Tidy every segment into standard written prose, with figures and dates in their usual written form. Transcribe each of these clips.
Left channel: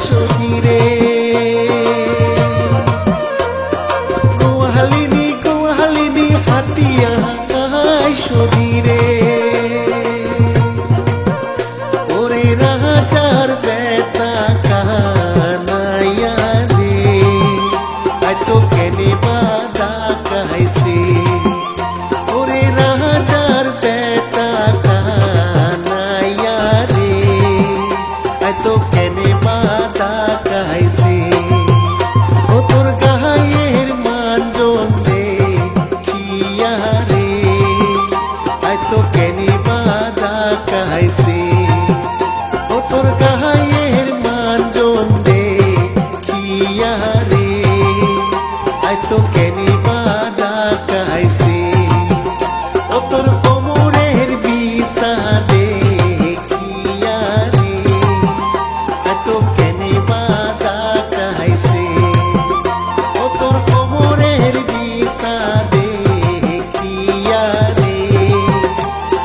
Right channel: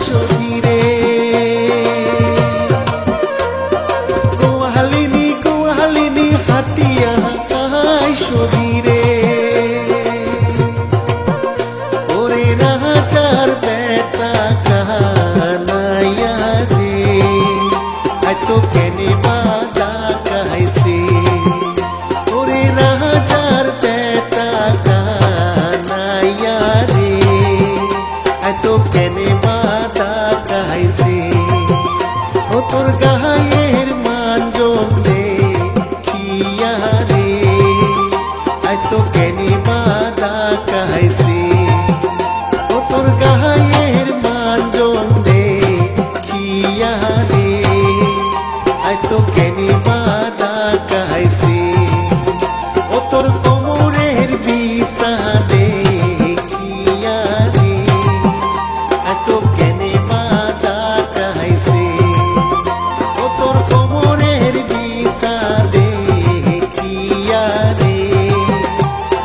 সধীরে গোয়ালিনী গোয়ালিনী হাটিয়া সধীরে ওরে রাজার বেটা কানাইয়া রে আই তো কেনে বাদা কাইছে ওরে রাজার বেটা কানাইয়া রে আই তো কেনে বাদা কাইছে ও তোর গায়ের মানজন দে খিয়া রে আই তো কেনে বাদা কাইছে ও তোর গায়ের মানজন দে খিয়া রে আই তো কেনে বাদা কাইছে ও তোর কোমরের বিছা দে খিয়া রে আই তো কেনে বাদা কাইছে ও তোর কোমরের বিছা দে খিয়া রে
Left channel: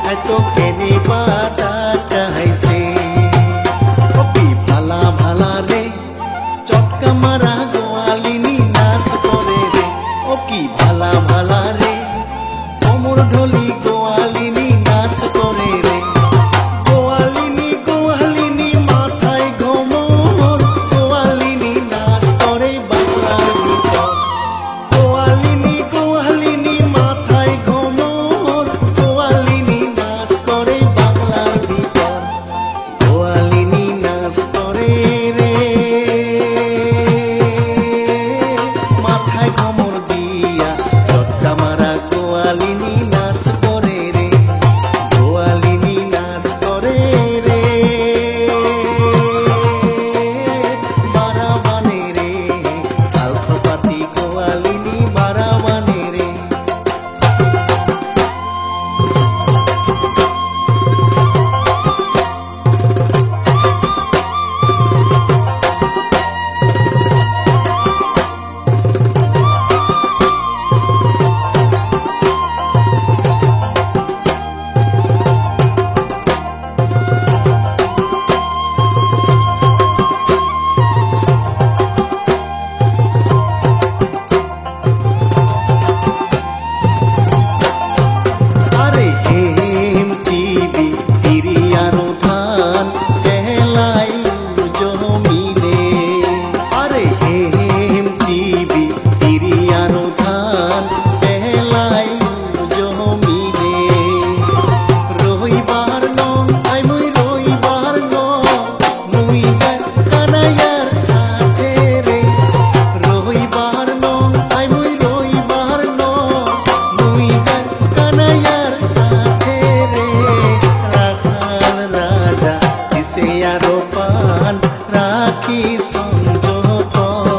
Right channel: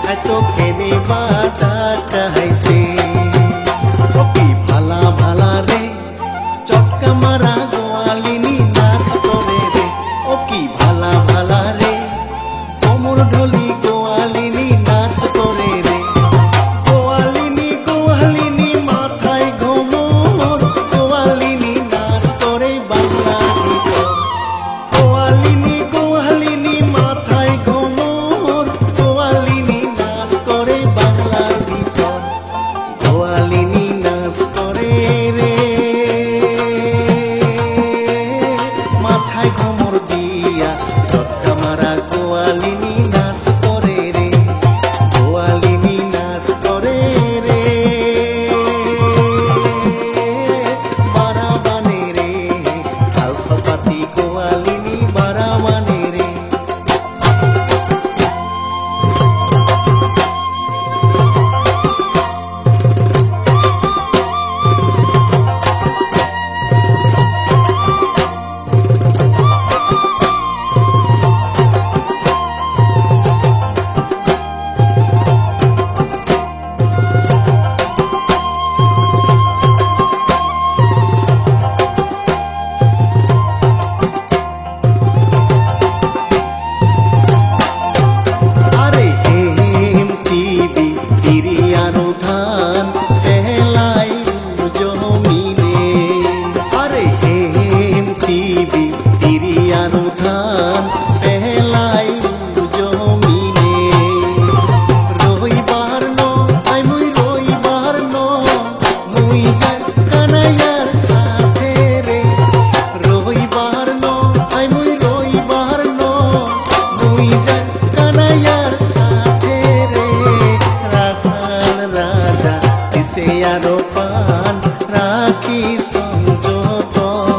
আই তো কেনে বাদা কাইছে ও কি ভালা ভালা রে চটকা মারা গোয়ালিনী নাচ করে রে ও কি ভালা ভালা রে কোমর ঢলি গোয়ালিনী নাচ করে রে গোয়ালিনী গোয়ালিনী মাথায় ঘোমর গোয়ালিনী নাচ করে বাংলার ভিতর গোয়ালিনী গোয়ালিনী মাথায় ঘোমর গোয়ালিনী নাচ করে বাংলার ভিতর গোয়ালিনী নাচ করে রে মাথায় ঘোমর দিয়া চটকা মারা গোয়ালিনী নাচ করে রে গোয়ালিনী নাচ করে রে বারাবানে রে খালখপাতি গোয়ালিনী বারাবানে রে আরে হেম টিবি তিরিয়ারো ধান পেলাইলু জমিনে আরে হেম টিবি তিরিয়ারো ধান পেলাইলু জমিনে রইবার নং আই মুই রইবার নং মুই যাই কানাইয়ার সাথে রে রইবার নং আই মুই রইবার নং মুই যাই কানাইয়ার সাথে রে রাখাল রাজা দিছে আরো পান রাখি সংযতনে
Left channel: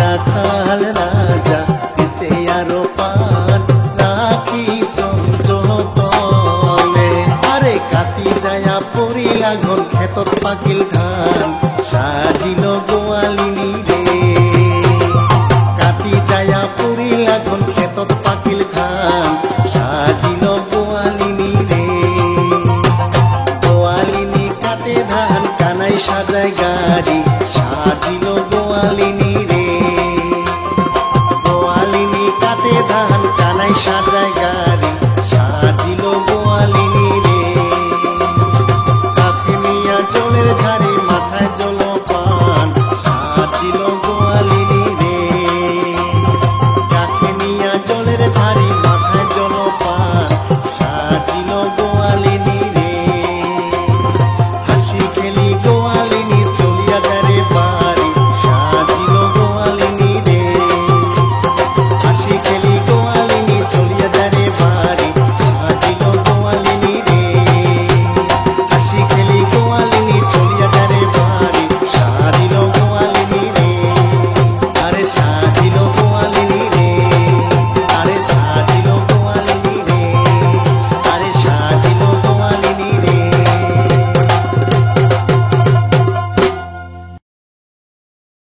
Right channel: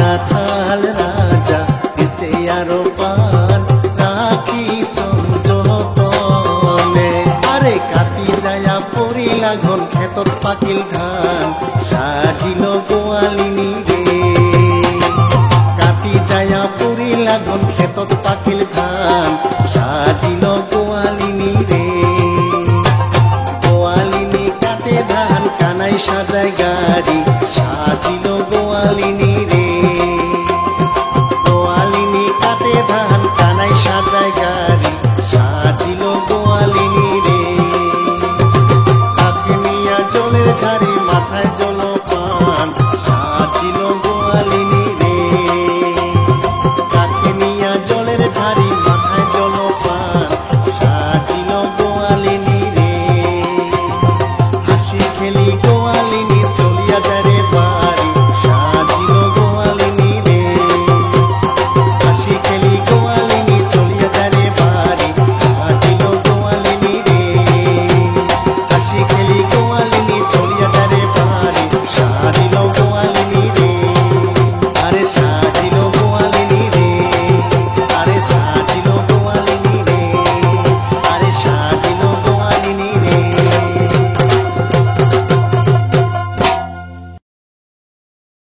রাখাল রাজা দিছে আরো পান রাখি সংযতনে আরে কাটি যায়া পড়িলা ঘন ক্ষেতত পাকিল ধান সাজিল গোয়ালিনী রে কাটি যায়া পড়িলা ঘন ক্ষেতত পাকিল ধান সাজিল গোয়ালিনী রে গোয়ালিনী কাটে ধান কানাই সাজায় গাড়ি সাজিল গোয়ালিনী রে গোয়ালিনী কাটে ধান কানাই সাজায় গাড়ি সাজিল গোয়ালিনী রে কাকে নিয়া জলের ঝাড়ি মাথায় জলপান সাজিল গোয়ালিনী রে কাকে নিয়া জলের ঝাড়ি মাথায় জলপান সাজিল গোয়ালিনী রে হাসি খেলি গোয়ালিনী চলিয়া যায় রে বাড়ি সাজিল গোয়ালিনী রে হাসি খেলি গোয়ালিনী চলিয়া যায় রে বাড়ি সাজিল গোয়ালিনী রে হাসি খেলি গোয়ালিনী চলিয়া যায় রে বাড়ি সাজিল গোয়ালিনী রে আরে সাজিল গোয়ালিনী রে আরে সাজিল